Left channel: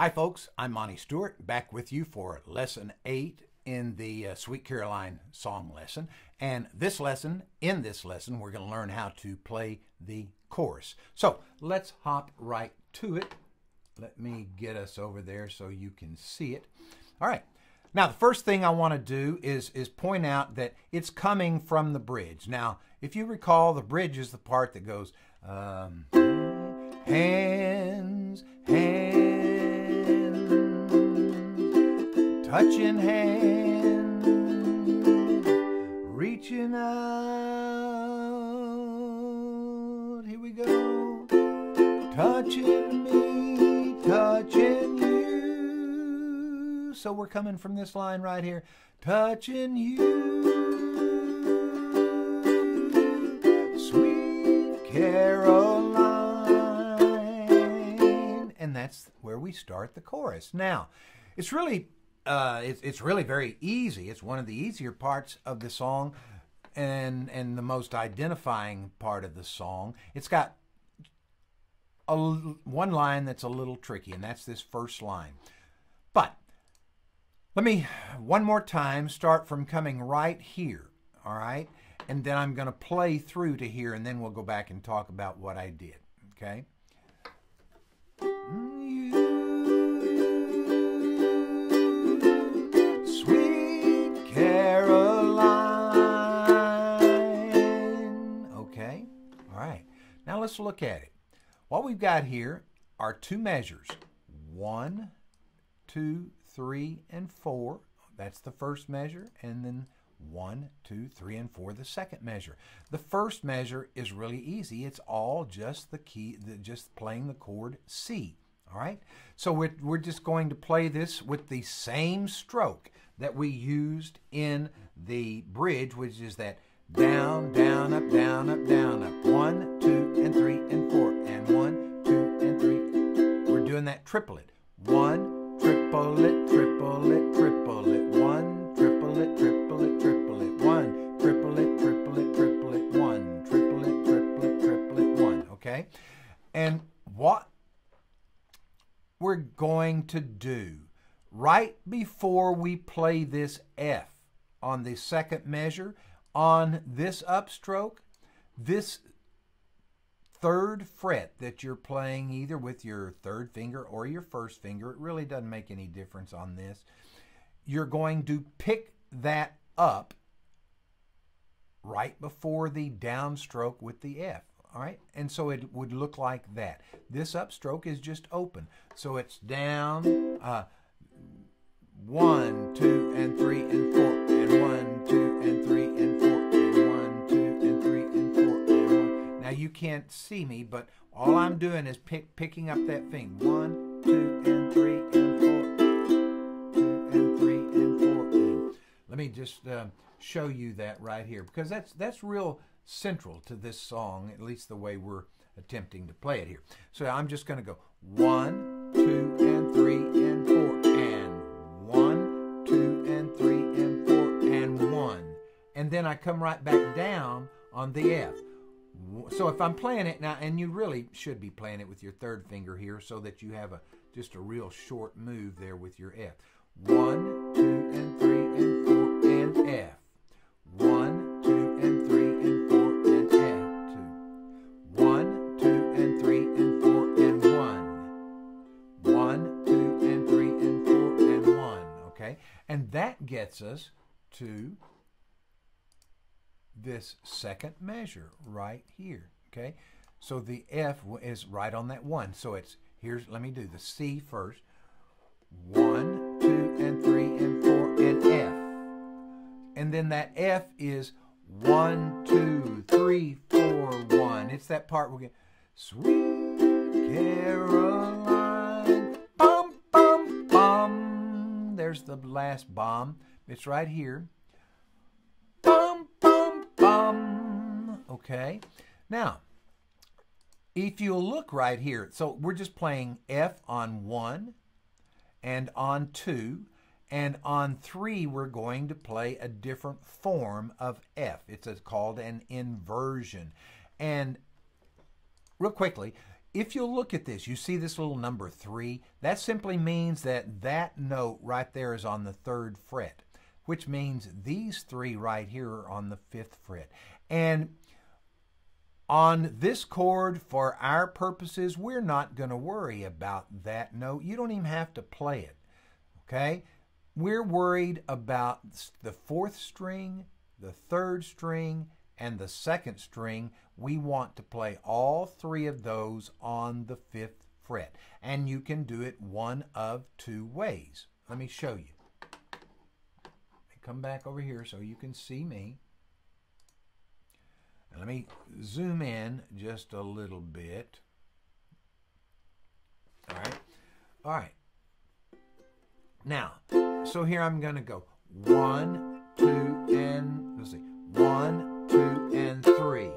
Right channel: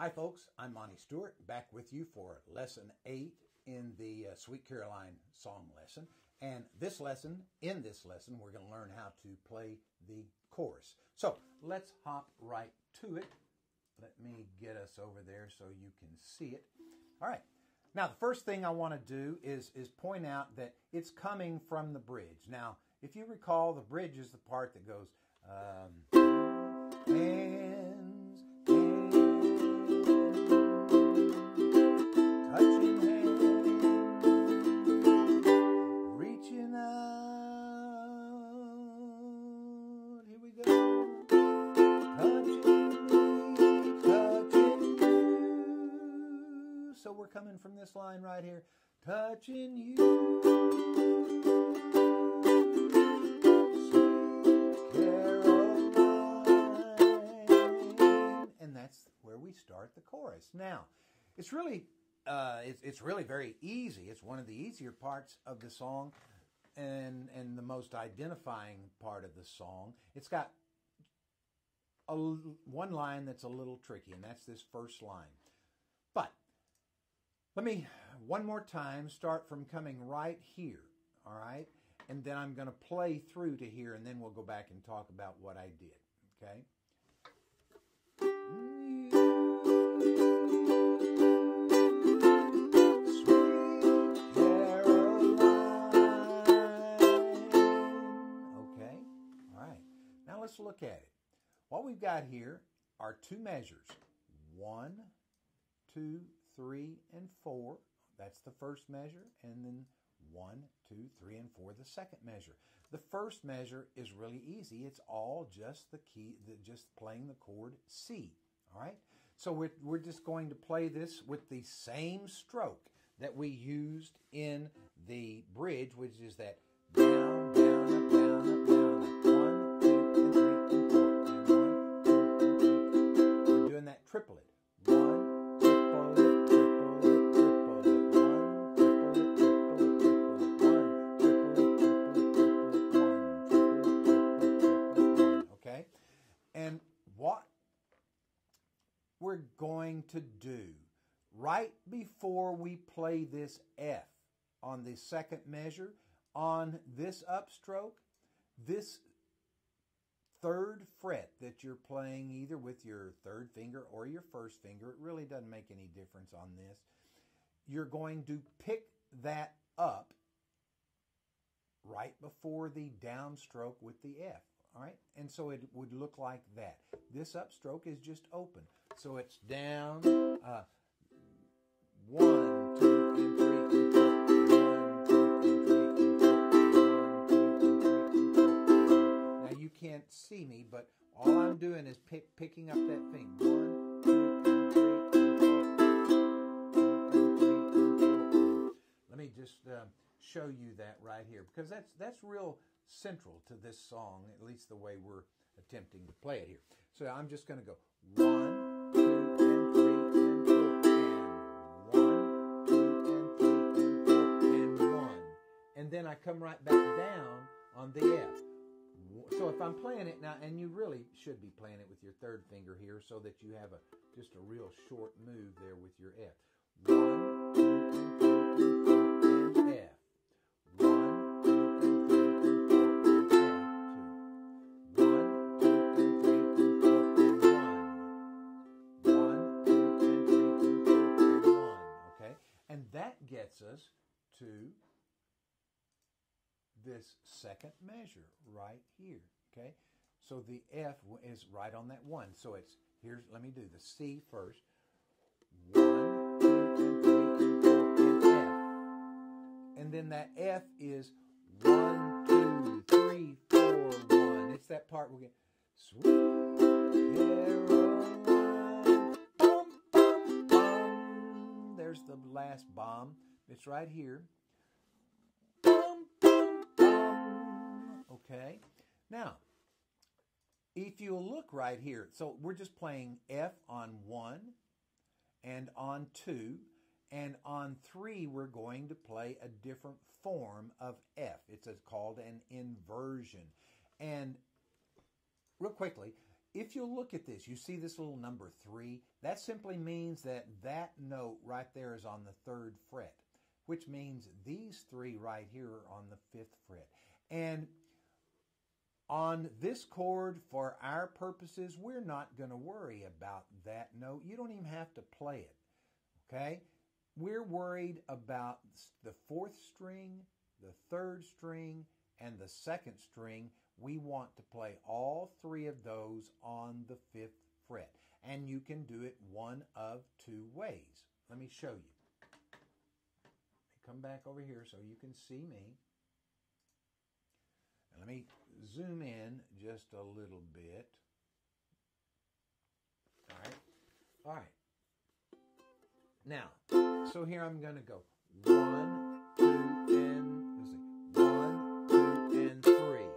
Hi folks, I'm Monty Stewart, back with you for lesson 8 in the Sweet Caroline song lesson. And in this lesson, we're going to learn how to play the chorus. So let's hop right to it. Let me get us over there so you can see it. All right. Now, the first thing I want to do is point out that it's coming from the bridge. Now, if you recall, the bridge is the part that goes, hands, touching hands, reaching out, here we go, touching me, touching you. So we're coming from this line right here, touching you, sweet Caroline. And that's where we start the chorus. Now, it's really very easy. It's one of the easier parts of the song and the most identifying part of the song. It's got one line that's a little tricky, and that's this first line. But let me, one more time, start from coming right here, all right? And then I'm going to play through to here, and then we'll go back and talk about what I did, okay? Now let's look at it. What we've got here are two measures, 1, 2, 3, and 4. That's the first measure, and then 1, 2, 3, and 4, the second measure. The first measure is really easy. It's all just the key, just playing the chord C. All right. So we're just going to play this with the same stroke that we used in the bridge, which is that down, down, up, down, up, down, up. 1, 2, and 3, and 4, and 1, 2, and 3. We're doing that triplet. 1, triplet, triplet, triplet. 1, triplet, triplet, triplet. 1, triplet, triplet, triplet. 1, triplet, triplet, triplet. 1. Okay? And what we're going to do right before we play this F on the second measure, on this upstroke, this third fret that you're playing either with your third finger or your first finger, it really doesn't make any difference on this, you're going to pick that up right before the downstroke with the F, all right? And so it would look like that. This upstroke is just open. So it's down, 1, 2, and 3, and 4, and 1, 2, and 3, and 4, and 1, 2, and 3, and 4, and 1. Now you can't see me, but all I'm doing is picking up that thing. 1, 2, and 3, and 4, 2, and 3, and 4. And let me just show you that right here, because that's real central to this song, at least the way we're attempting to play it here. So I'm just going to go 1, 2, and 3, and 4, and 1, 2, and 3, and 4, and 1. And then I come right back down on the F. So if I'm playing it now, and you really should be playing it with your third finger here so that you have just a real short move there with your F. 1, 2, and 3, and 4, and F. 1, 2, and 3, and 4, and F. 2. 1, 2, and 3, and 4, and 1. 1, 2, and 3, and 4, and 1. Okay? And that gets us to this second measure right here. Okay? So the F is right on that 1. So it's, let me do the C first. 1, 2, and 3, and 4, and F. And then that F is 1, 2, 3, 4, 1. It's that part we'll get. Sweet Caroline, bum, bum, bum. There's the last bomb. It's right here. Bum, bum, bum. Okay. Now, if you look right here, so we're just playing F on 1 and on 2. And on 3, we're going to play a different form of F. It's called an inversion. And real quickly, if you look at this, you see this little number 3. That simply means that that note right there is on the 3rd fret, which means these 3 right here are on the 5th fret. And on this chord, for our purposes, we're not going to worry about that note. You don't even have to play it, okay? We're worried about the 4th string, the 3rd string, and the 2nd string. We want to play all 3 of those on the 5th fret. And you can do it one of 2 ways. Let me show you. Come back over here so you can see me. Let me zoom in just a little bit. All right. All right. Now, so here I'm going to go 1, 2, and let's see. 1, 2, and 3.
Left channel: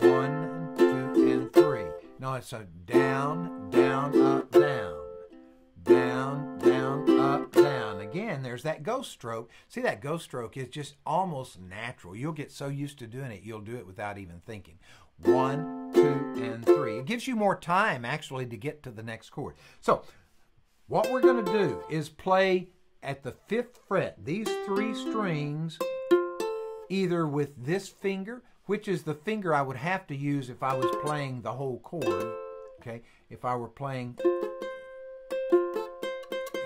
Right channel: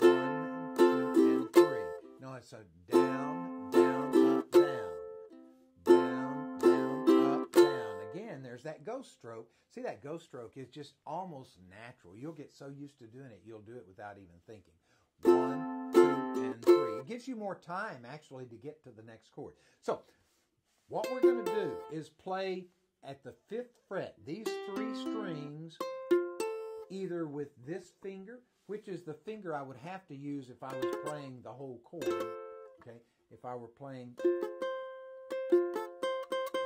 1, 2, and 3. No, it's a down, down, up, down. Down, down, up, down. Again, there's that ghost stroke. See, that ghost stroke is just almost natural. You'll get so used to doing it, you'll do it without even thinking. 1, 2, and 3. It gives you more time, actually, to get to the next chord. So, what we're going to do is play at the 5th fret, these 3 strings, either with this finger, which is the finger I would have to use if I was playing the whole chord, okay? If I were playing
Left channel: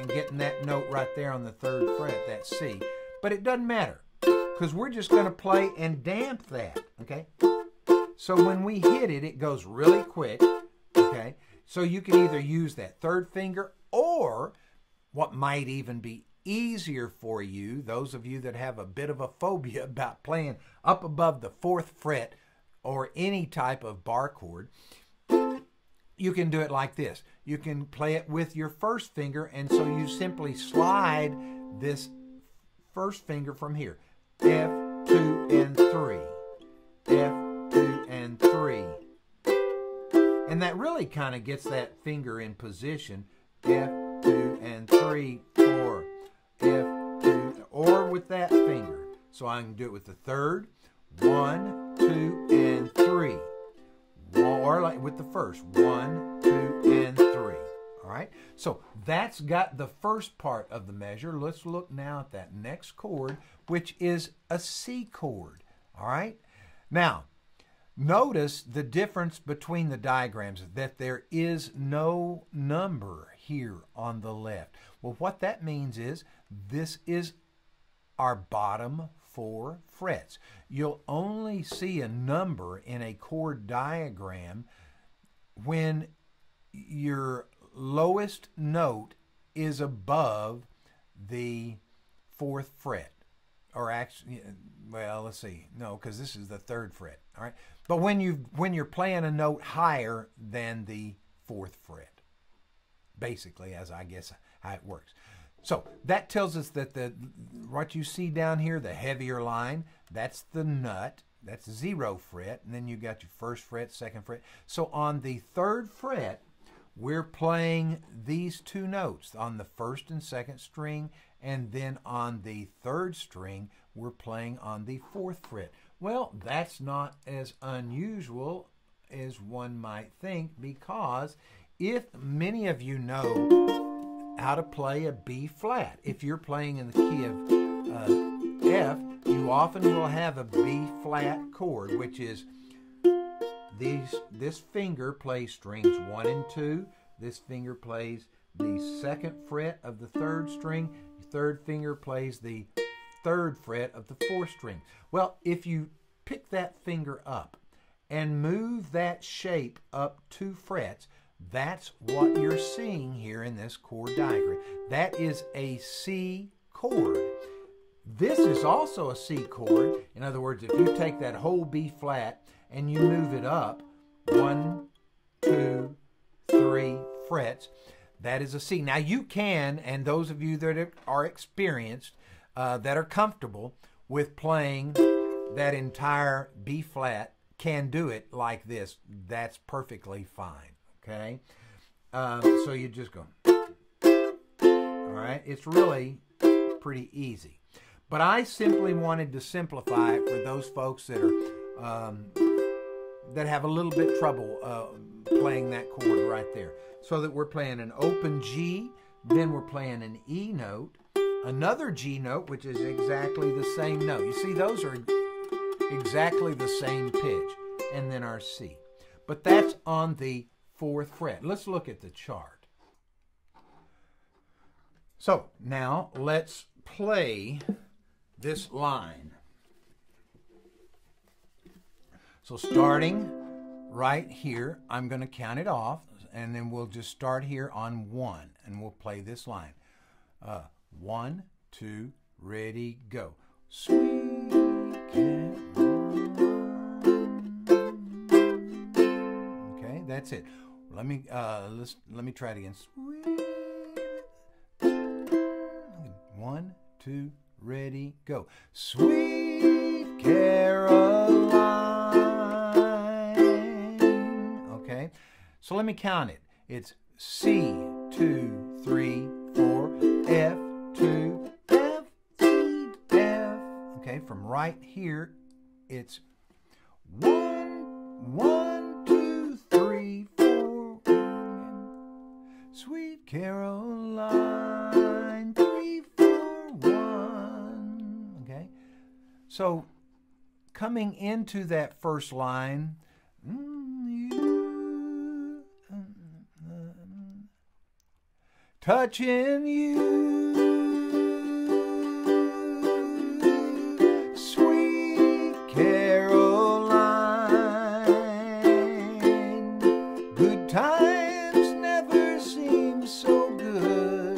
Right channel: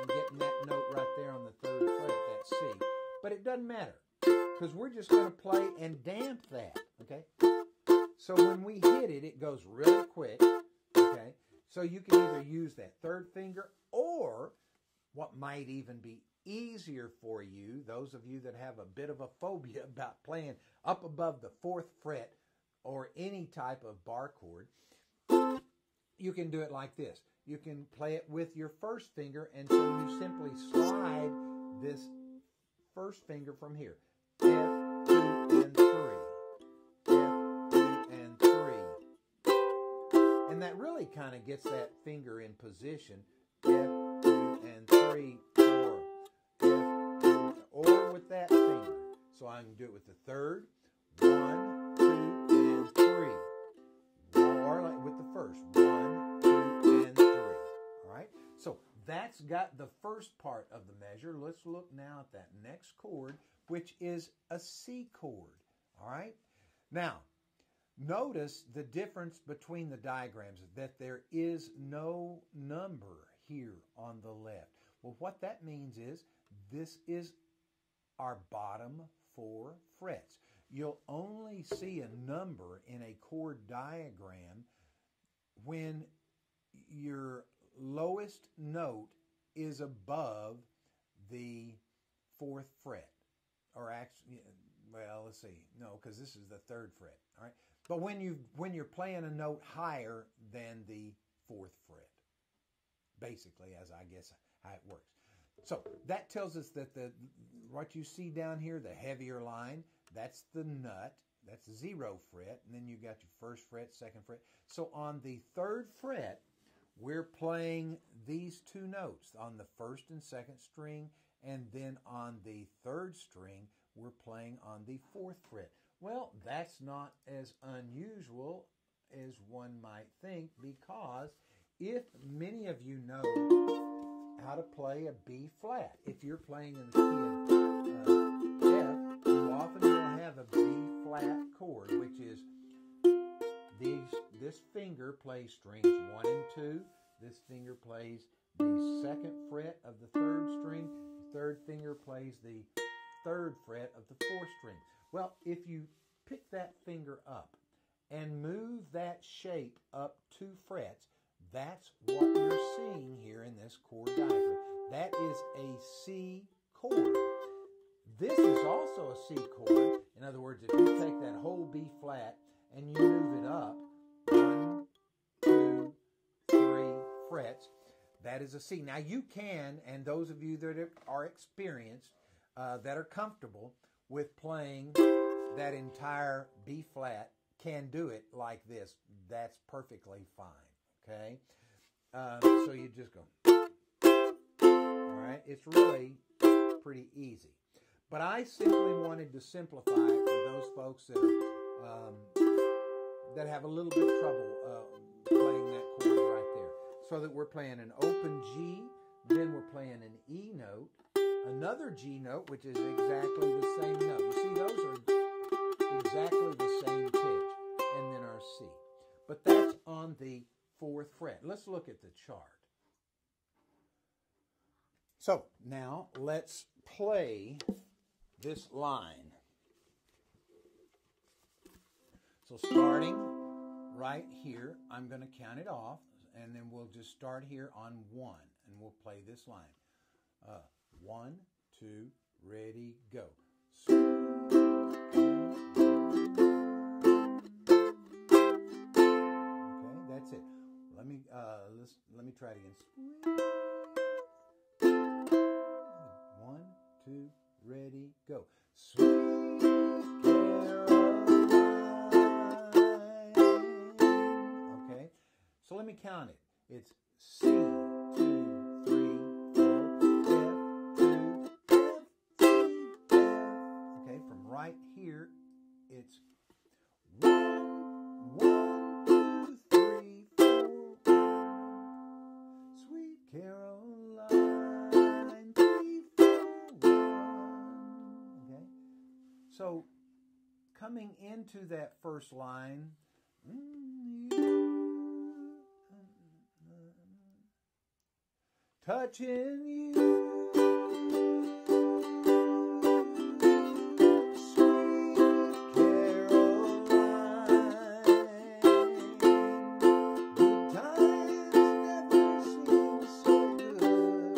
and getting that note right there on the 3rd fret, that C. But it doesn't matter, because we're just going to play and damp that, okay? So when we hit it, it goes really quick, okay? So you can either use that 3rd finger, or what might even be easier for you, those of you that have a bit of a phobia about playing up above the 4th fret or any type of bar chord, you can do it like this. You can play it with your 1st finger, and so you simply slide this 1st finger from here. F, 2, and 3. F, 2, and 3. And that really kind of gets that finger in position. F, 2, and 3, 4. F, 2, or with that finger. So I can do it with the 3rd. 1, 2, and 3. Or like with the 1st. 1, 2, and 3. All right? So that's got the first part of the measure. Let's look now at that next chord, which is a C chord. All right? Now, notice the difference between the diagrams, that there is no number here on the left. Well, what that means is this is our bottom 4 frets. You'll only see a number in a chord diagram when your lowest note is above the 4th fret. Or actually, well, let's see. No, because this is the 3rd fret. All right. But when you're playing a note higher than the 4th fret, basically, as I guess how it works. So that tells us that what you see down here, the heavier line, that's the nut. That's 0 fret. And then you got your 1st fret, 2nd fret. So on the 3rd fret, we're playing these 2 notes on the 1st and 2nd string. And then on the 3rd string, we're playing on the 4th fret. Well, that's not as unusual as one might think, because if many of you know how to play a B flat, if you're playing in the key of F, you often will have a B flat chord, which is this finger plays strings 1 and 2. This finger plays the 2nd fret of the 3rd string. The 3rd finger plays the 3rd fret of the 4th string. Well, if you pick that finger up and move that shape up 2 frets, that's what you're seeing here in this chord diagram. That is a C chord. This is also a C chord. In other words, if you take that whole B flat and you move it up 1, 2, 3 frets, that is a C. Now you can, and those of you that are experienced, that are comfortable with playing that entire B flat, can do it like this. That's perfectly fine. Okay, so you just go, all right, it's really pretty easy. But I simply wanted to simplify it for those folks that are that have a little bit trouble playing that chord right there. So that we're playing an open G, then we're playing an E note, another G note, which is exactly the same note. You see, those are exactly the same pitch, and then our C. But that's on the 4th fret. Let's look at the chart. So now let's play this line. So starting right here, I'm going to count it off, and then we'll just start here on 1, and we'll play this line. 1, 2, ready, go. Sweet Caroline. Okay, that's it. Let me try it again. Sweet. 1, 2, ready, go. Sweet Caroline. Okay, so let me count it. It's C, 2, 3, 4, F, 2, F, C, F. Okay, from right here, it's 1, 1, 2, 3, 4. Sweet Caroline, 3, 4, 1. Okay, so coming into that first line, touching you, sweet Caroline. Good times never seem so good.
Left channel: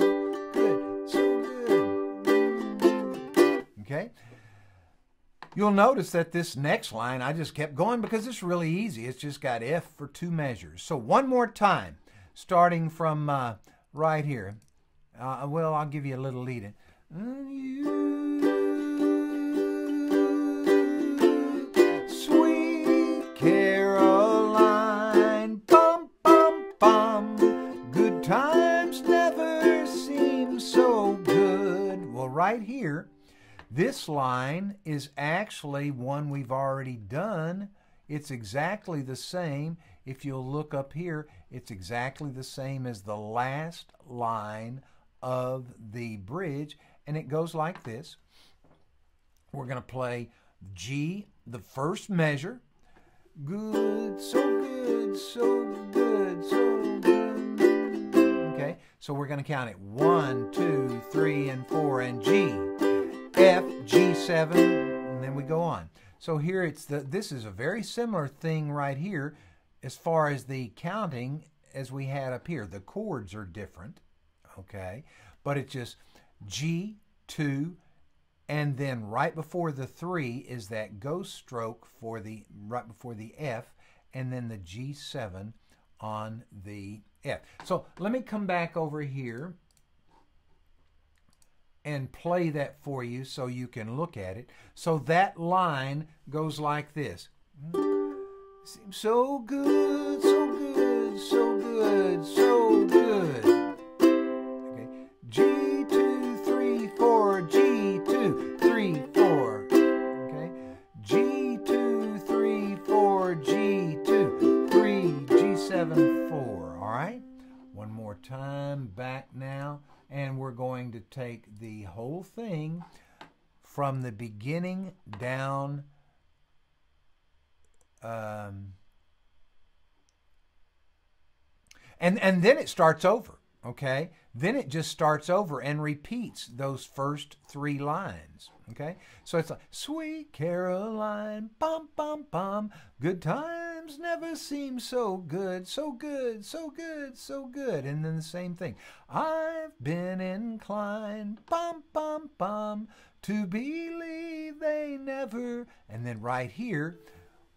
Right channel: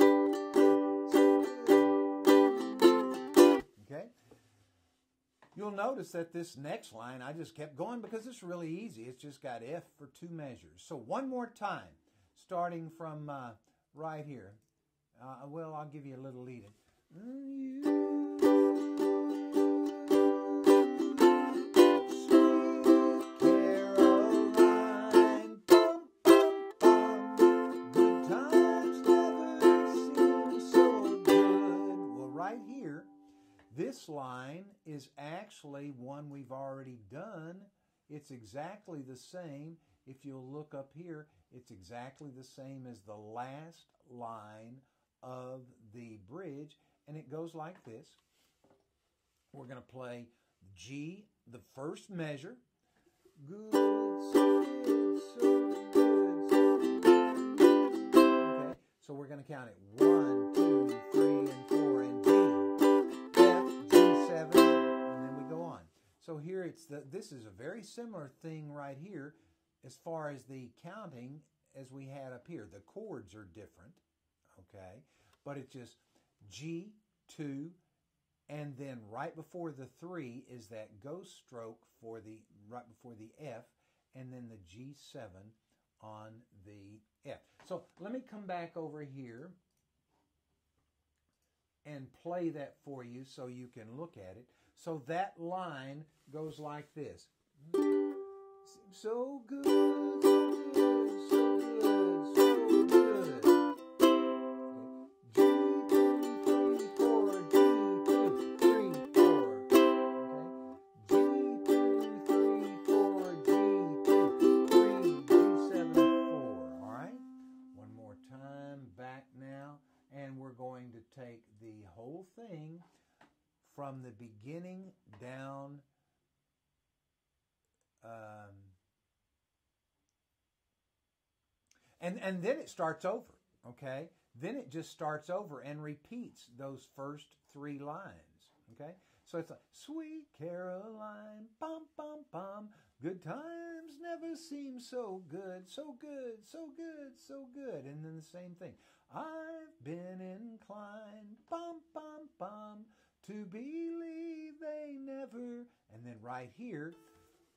Good, so good. Okay? You'll notice that this next line, I just kept going because it's really easy. It's just got F for 2 measures. So one more time, starting from right here. Well, I'll give you a little lead in. Sweet Caroline, bum, bum, bum. Good times never seem so good. Well, right here, this line is actually one we've already done. It's exactly the same. If you'll look up here, it's exactly the same as the last line of the bridge, and it goes like this. We're going to play G, the first measure. Good, so good, so good, so good. Okay, so we're going to count it 1, 2, 3, and 4, and G, F, G7, and then we go on. So here this is a very similar thing right here as far as the counting as we had up here. The chords are different, okay? But it's just G, 2, and then right before the 3 is that ghost stroke for right before the F, and then the G7 on the F. So let me come back over here and play that for you so you can look at it. So that line goes like this. Seems so good, so good, so good, so good. Okay. G2, 3, 4, G2, 3, 4. Okay. G2, 3, 4, G2, 3, G7, 4. All right. One more time, back now. And we're going to take the whole thing from the beginning down and then it starts over, okay? Then it just starts over and repeats those first 3 lines, okay? So it's like, sweet Caroline, bum, bum, bum, good times never seem so good, so good, so good, so good. And then the same thing. I've been inclined, bum, bum, bum, to believe they never, and then right here,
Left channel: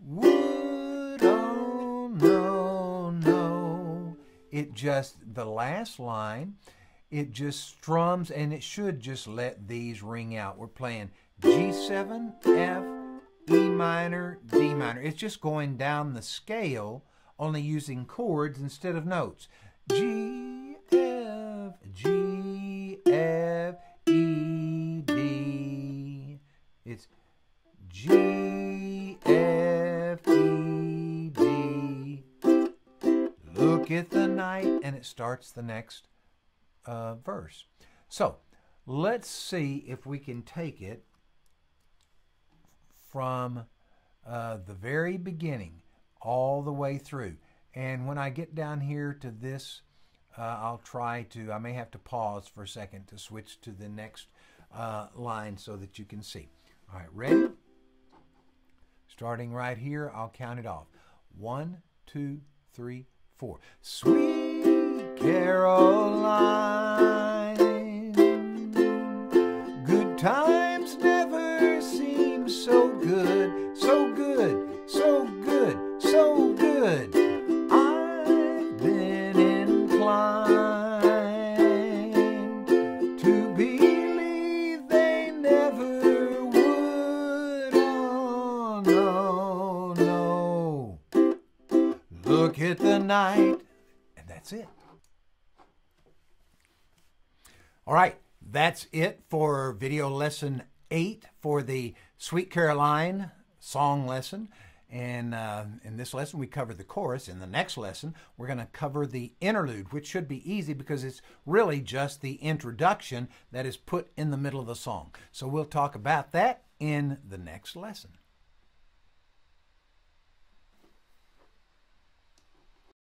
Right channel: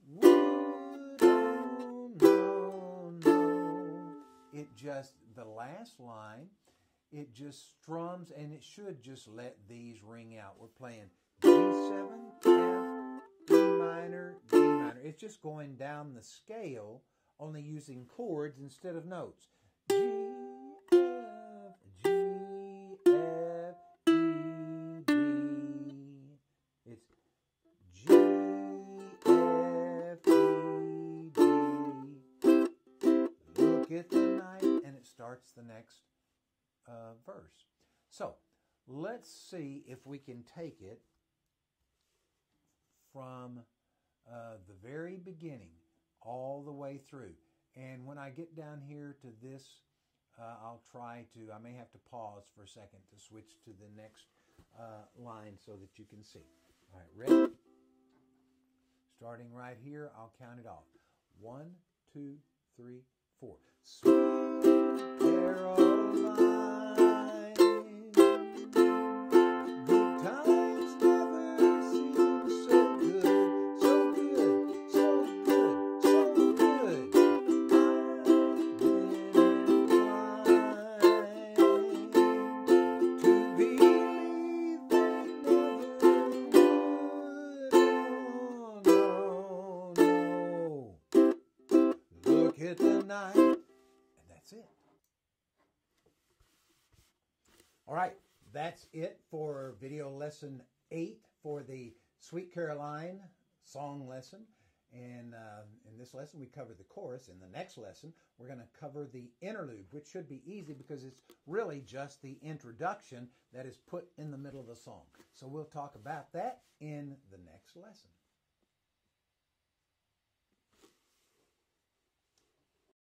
would, oh, no, no. It just, the last line, it just strums, and it should just let these ring out. We're playing G7, F, E minor, D minor. It's just going down the scale, only using chords instead of notes. G, F, G, F, E, D. It's G, F, E, Look at the night, and it starts the next verse. So let's see if we can take it from the very beginning all the way through. And when I get down here to this, I may have to pause for a second to switch to the next line so that you can see. All right, ready? Starting right here, I'll count it off. 1, 2, 3, 4. Sweet Caroline, good times never seem so good, so good, so good, so good. I've been inclined to believe they never would. Oh, no, no. Look at the night. And that's it. All right, that's it for video lesson 8 for the Sweet Caroline song lesson. And in this lesson, we covered the chorus. In the next lesson, we're going to cover the interlude, which should be easy because it's really just the introduction that is put in the middle of the song. So we'll talk about that in the next lesson.